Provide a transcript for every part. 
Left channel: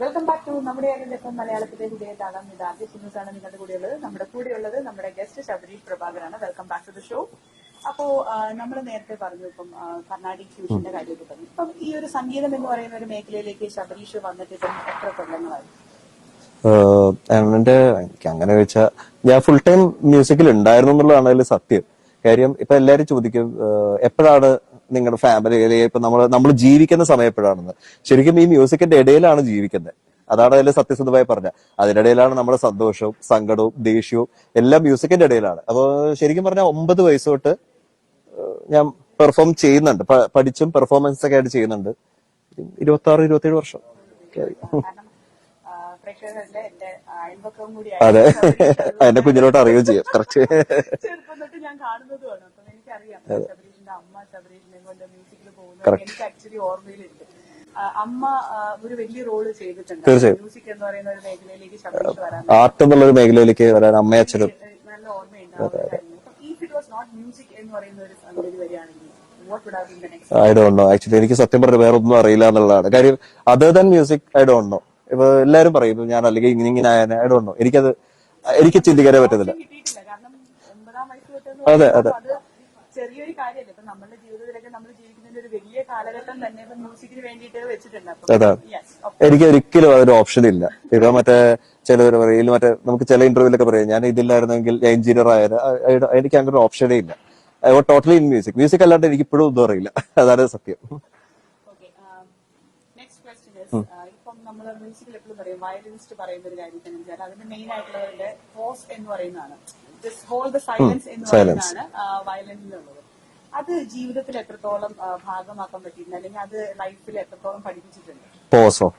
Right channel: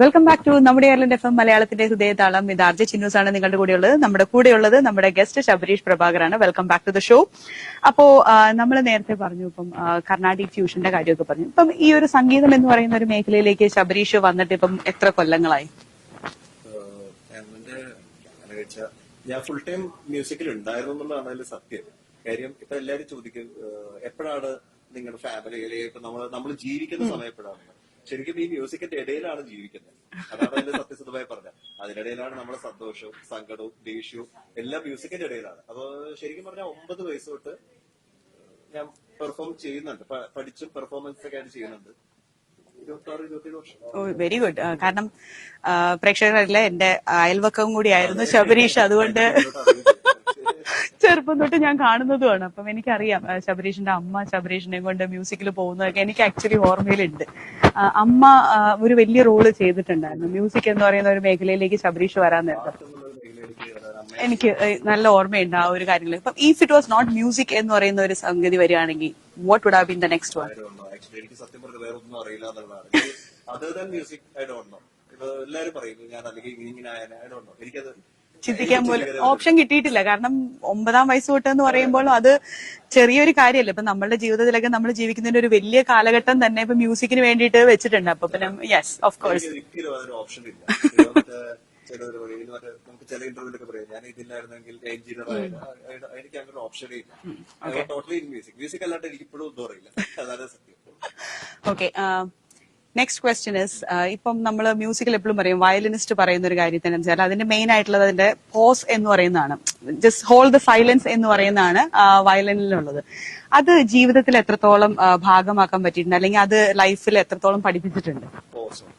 Welcome back to നമ്മുടെ എയർലൻഡ് F M മലയാളത്തിന്റെ ഹൃദയതാളം. ഇത് ആർജെ ചിന്നൂസ് ആണ് നിങ്ങളുടെ കൂടെയുള്ളത്. നമ്മുടെ കൂടെയുള്ളത് നമ്മുടെ ഗസ്റ്റ് ശബരീഷ് പ്രഭാകറാണ്. Welcome back to the show. അപ്പോ നമ്മൾ നേരത്തെ പറഞ്ഞു ഇപ്പം കർണാടിക് ഫ്യൂഷന്റെ കാര്യമൊക്കെ പറഞ്ഞു. ഇപ്പം ഈ ഒരു സംഗീതം എന്ന് പറയുന്ന ഒരു മേഖലയിലേക്ക് ശബരീഷ് വന്നിട്ട് ഇപ്പം എത്ര കൊല്ലങ്ങളായി? എനിക്ക് അങ്ങനെ ചോദിച്ചാൽ ഞാൻ ഫുൾ ടൈം മ്യൂസിക്കിൽ ഉണ്ടായിരുന്നു എന്നുള്ളതാണ് അതിൽ സത്യം. കാര്യം ഇപ്പൊ എല്ലാരും ചോദിക്കും എപ്പോഴാണ് നിങ്ങളുടെ ഫാമിലി ഇപ്പൊ നമ്മൾ ജീവിക്കുന്ന സമയം എപ്പോഴാണെന്ന്. ശരിക്കും ഈ മ്യൂസിക്കിന്റെ ഇടയിലാണ് ജീവിക്കുന്നത്. അതാണ് അതിൽ സത്യസന്ധമായി പറഞ്ഞ. അതിനിടയിലാണ് നമ്മുടെ സന്തോഷവും സങ്കടവും ദേഷ്യവും എല്ലാം മ്യൂസിക്കിന്റെ ഇടയിലാണ്. അപ്പൊ ശരിക്കും പറഞ്ഞാൽ 9 വയസ്സ് തൊട്ട് ഞാൻ പെർഫോം ചെയ്യുന്നുണ്ട്. പഠിച്ചും പെർഫോമൻസ് ഒക്കെ ആയിട്ട് ചെയ്യുന്നുണ്ട്. 26-27 വർഷം. Very good. കാരണം പ്രേക്ഷകരല്ല എന്റെ അയൽവക്കവും കൂടി ആയിരുന്നു ശബരീഷ്. അതുകൊണ്ട് ചെറുപ്പം തൊട്ട് ഞാൻ കാണുന്നതുമാണ്. അപ്പം എനിക്കറിയാം ശബരീഷിന്റെ അമ്മ ശബരീഷിനെ കൊണ്ട് മ്യൂസിക്കിൽ പോകുന്നതൊക്കെ എനിക്ക് ആക്ച്വലി ഓർമ്മയിലുണ്ട്. അമ്മ ഒരു വലിയ റോള് ചെയ്തിട്ടുണ്ട്. മ്യൂസിക് എന്ന് പറയുന്ന ഒരു മേഖലയിലേക്ക് ശബരീഷ് വരാൻ എനിക്ക് നല്ല ഓർമ്മയുണ്ട് ആ ഒരു കാര്യങ്ങൾ. ഇപ്പം if it was not music എന്ന് പറയുന്ന ഒരു സംഗതി വരികയാണെങ്കിൽ what would have been the next? I don't know. Actually എനിക്ക് സത്യം പറഞ്ഞ വേറെ ഒന്നും അറിയില്ല എന്നുള്ളതാണ് കാര്യം. Other than music I don't know. ഇപ്പൊ എല്ലാരും പറയുന്നു ഞാൻ അല്ലെങ്കിൽ ഇങ്ങനെ ഐ ഡോണ്ട് നോ. എനിക്ക് ചിന്തിക്കാനേ ഓപ്ഷൻ കിട്ടിയിട്ടില്ല. കാരണം 9-ാം വയസ്സ് തൊട്ട് എന്ന് പറയുമ്പോൾ അത് ചെറിയൊരു കാര്യമല്ല. ഇപ്പൊ നമ്മുടെ ജീവിതത്തിലൊക്കെ നമ്മൾ ജീവിക്കുന്നതിന്റെ ഒരു വലിയ കാലഘട്ടം തന്നെ ഇപ്പൊ മ്യൂസിക്കിന് വേണ്ടിയിട്ട് വെച്ചിട്ടുണ്ട്. അപ്പൊ എനിക്ക് ഒരിക്കലും അതൊരു ഓപ്ഷൻ ഇല്ല. ഇപ്പൊ ചിലവർ പറയും നമുക്ക് ചില ഇന്റർവ്യൂലൊക്കെ പറയാം ഞാൻ ഇതില്ലായിരുന്നെങ്കിൽ എഞ്ചിനീയർ ആയാലും. എനിക്ക് അങ്ങനെ ഒരു ഓപ്ഷനേ ഇല്ല. I was totally in music അല്ലാണ്ട് എനിക്ക് ഇപ്പോഴും ഒന്നും അറിയില്ല. അതാണ് സത്യം. ഓക്കെ, നെക്സ്റ്റ് ക്വസ്റ്റ്യൻ ഇസ്, ഇപ്പം നമ്മൾ മ്യൂസിക്കിൽ എപ്പോഴും പറയും വയലിനിസ്റ്റ് പറയുന്ന ഒരു കാര്യത്തിന് വെച്ചാൽ അതിന്റെ മെയിൻ ആയിട്ടുള്ളത് അതിന്റെ പോസ് എന്ന് പറയുന്നതാണ്. ജസ്റ്റ് ഹോൾഡ് ദ സൈലൻസ് എന്ന് പറയുന്നതാണ് വയലിനിലുള്ളത്. അത് ജീവിതത്തിൽ എത്രത്തോളം ഭാഗമാക്കാൻ പറ്റിയിട്ടുണ്ട്, അല്ലെങ്കിൽ അത് ലൈഫിൽ എത്രത്തോളം പഠിപ്പിച്ചിട്ടുണ്ട്? Pause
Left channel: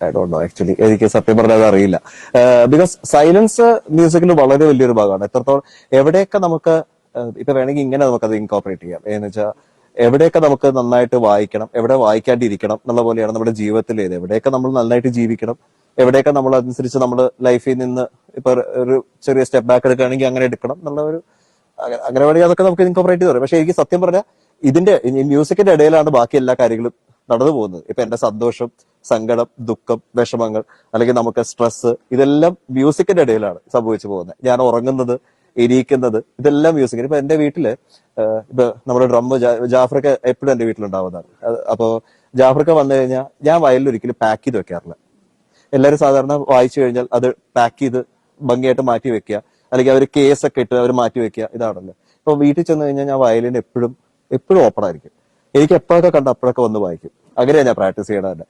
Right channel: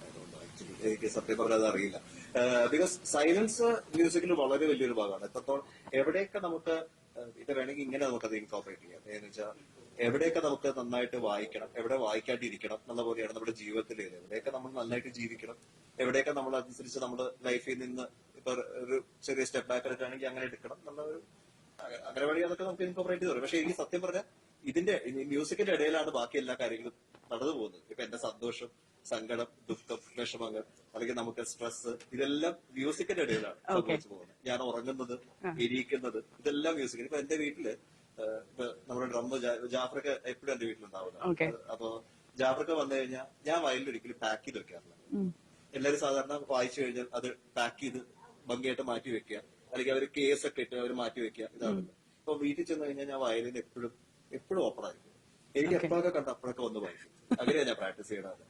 I don't know. Actually എനിക്ക് സത്യം പറഞ്ഞാൽ അത് അറിയില്ല. ബിക്കോസ് സൈലൻസ് മ്യൂസിക്കിൽ വളരെ വലിയൊരു ഭാഗമാണ്. എത്രത്തോളം എവിടെയൊക്കെ നമുക്ക് ഇപ്പൊ വേണമെങ്കിൽ ഇങ്ങനെ നമുക്കത് ഇൻകോപ്പറേറ്റ് ചെയ്യാം. എന്ന് വെച്ചാൽ എവിടെയൊക്കെ നമുക്ക് നന്നായിട്ട് വായിക്കണം, എവിടെ വായിക്കാണ്ടിരിക്കണം എന്നുള്ള പോലെയാണ് നമ്മുടെ ജീവിതത്തിൽ. എവിടെയൊക്കെ നമ്മൾ നന്നായിട്ട് ജീവിക്കണം, എവിടെയൊക്കെ നമ്മൾ അതനുസരിച്ച് നമ്മൾ ലൈഫിൽ നിന്ന് ഇപ്പൊ ഒരു ചെറിയ സ്റ്റെപ്പ് ബാക്ക് എടുക്കുകയാണെങ്കിൽ അങ്ങനെ എടുക്കണം എന്നുള്ള ഒരു അങ്ങനെ വേണമെങ്കിൽ അതൊക്കെ നമുക്ക് ഇൻകോപ്പറേറ്റ് ചെയ്ത് പറയും. പക്ഷെ എനിക്ക് സത്യം പറഞ്ഞാൽ ഇതിന്റെ മ്യൂസിക്കിന്റെ ഇടയിലാണ് ബാക്കി എല്ലാ കാര്യങ്ങളും നടന്നു പോകുന്നത്. ഇപ്പൊ എന്റെ സന്തോഷം സങ്കടം ദുഃഖം വിഷമങ്ങൾ അല്ലെങ്കിൽ നമുക്ക് സ്ട്രെസ് ഇതെല്ലാം മ്യൂസിക്കിന്റെ ഇടയിലാണ് സംഭവിച്ചു പോകുന്നത്. ഞാൻ ഉറങ്ങുന്നത് ഇരിക്കുന്നത് ഇതെല്ലാം മ്യൂസിക്. ഇപ്പൊ എന്റെ വീട്ടില് ഇപ്പൊ നമ്മുടെ ഡ്രമ്മ് ജാഫ്രൊക്കെ എപ്പോഴും എന്റെ വീട്ടിലുണ്ടാവുന്നതാണ്. അപ്പൊ ജാഫ്രൊക്കെ വന്നു കഴിഞ്ഞാൽ ഞാൻ വയലിൽ ഒരിക്കലും പാക്ക് ചെയ്ത് വെക്കാറില്ല. എല്ലാവരും സാധാരണ വായിച്ചു കഴിഞ്ഞാൽ അത് പാക്ക് ചെയ്ത് ഭംഗിയായിട്ട് മാറ്റി വെക്കുക, അല്ലെങ്കിൽ അവർ കേസൊക്കെ ഇട്ട് അവർ മാറ്റി വെക്കുക, ഇതാണല്ലോ. ഇപ്പൊ വീട്ടിൽ ചെന്ന് കഴിഞ്ഞാൽ ഞാൻ വയലിൻ എപ്പോഴും ഓപ്പൺ ആയിരിക്കും. എനിക്ക് എപ്പോഴൊക്കെ കണ്ട അപ്പോഴൊക്കെ വന്ന് വായിക്കും. അങ്ങനെയാണ് ഞാൻ പ്രാക്ടീസ് ചെയ്യണതന്നെ.